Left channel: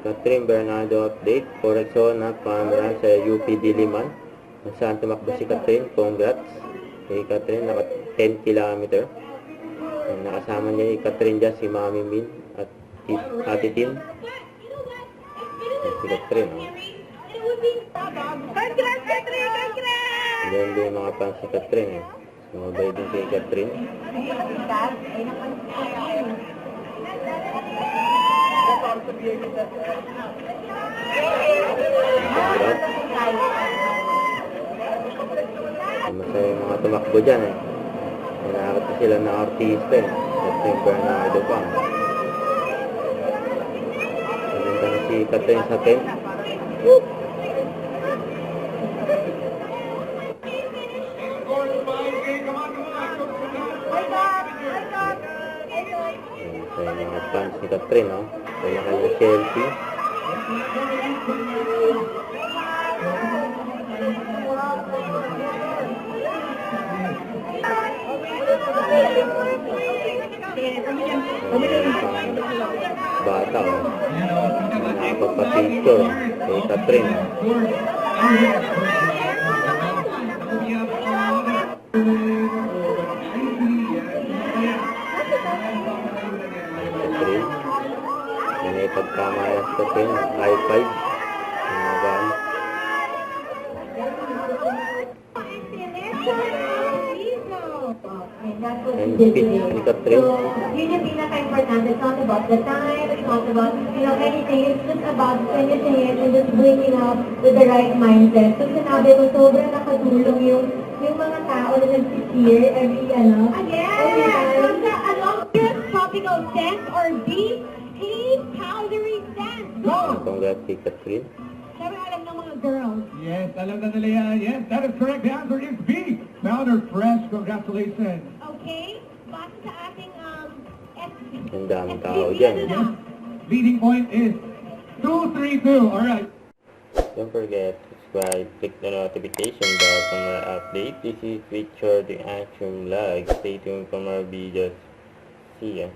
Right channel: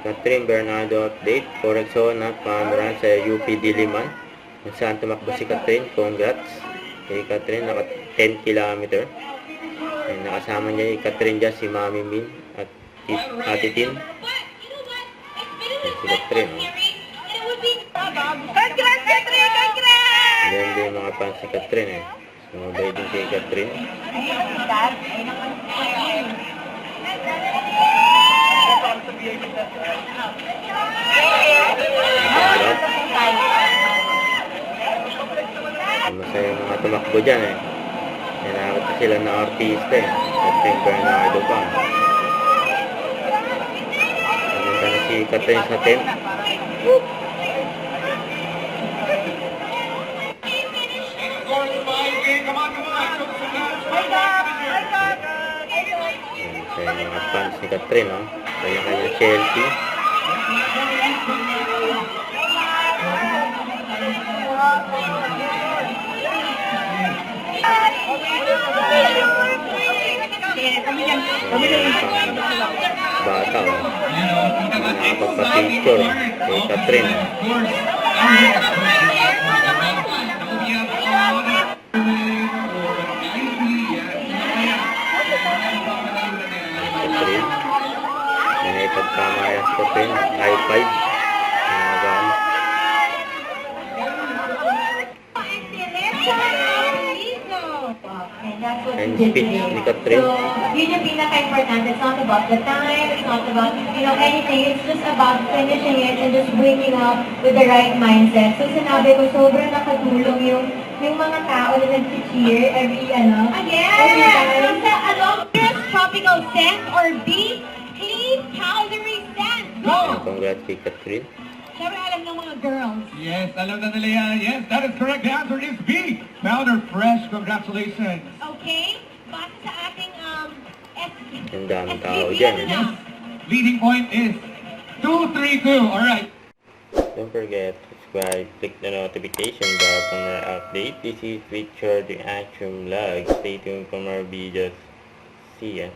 Catherine Bernardo update. Correction na pamuran sa UP Diliman. Kung saan tumakbo si Catherine. Congrats kay Catherine. Naka 10 km. Ay, nakasama niya yung Catherine dyan, si Mami Min at Ate Tin. Si Catherine. Congrats, Catherine! Congrats! Ganyan din yung mga fans si Catherine eh. Sumabay din kay Catherine. Masaya yung mga tumakbo dyan eh. Kailangan pa sila ng artista eh. Catherine Bernardo pa. Naganda na si Catherine sa tent. Masaya yung mga fans ni Catherine ha. Kaya kaya Chelsea. Bata o. Nakapapicture kay Catherine. Catherine. May pagkamayas ko rin. High five. And speech ni Catherine. So, yun yung pinaka-important. It's not about the time, it's not about, anything. It's just about finishing it and just waking up with the right mindset. So, sinabi ko, sobrang nakatulong yung mga tao na nag-cheer every time. From the along tropical scent or B, clean, powdery scent. Go! Congrats kay Catherine. Sabi alam ng mga girls. Yes, alam na nila yan. Yes, that is correct. The answer is B. Powder Fresh. Congratulations. Okay? Base sa ating Ang daming tao dyan eh. Yes. Leading point is 2-3-2. All right. Don't forget to subscribe, click the notification bell for more update. This is Richard the Action Vlog. Stay tuned for more videos. See ya.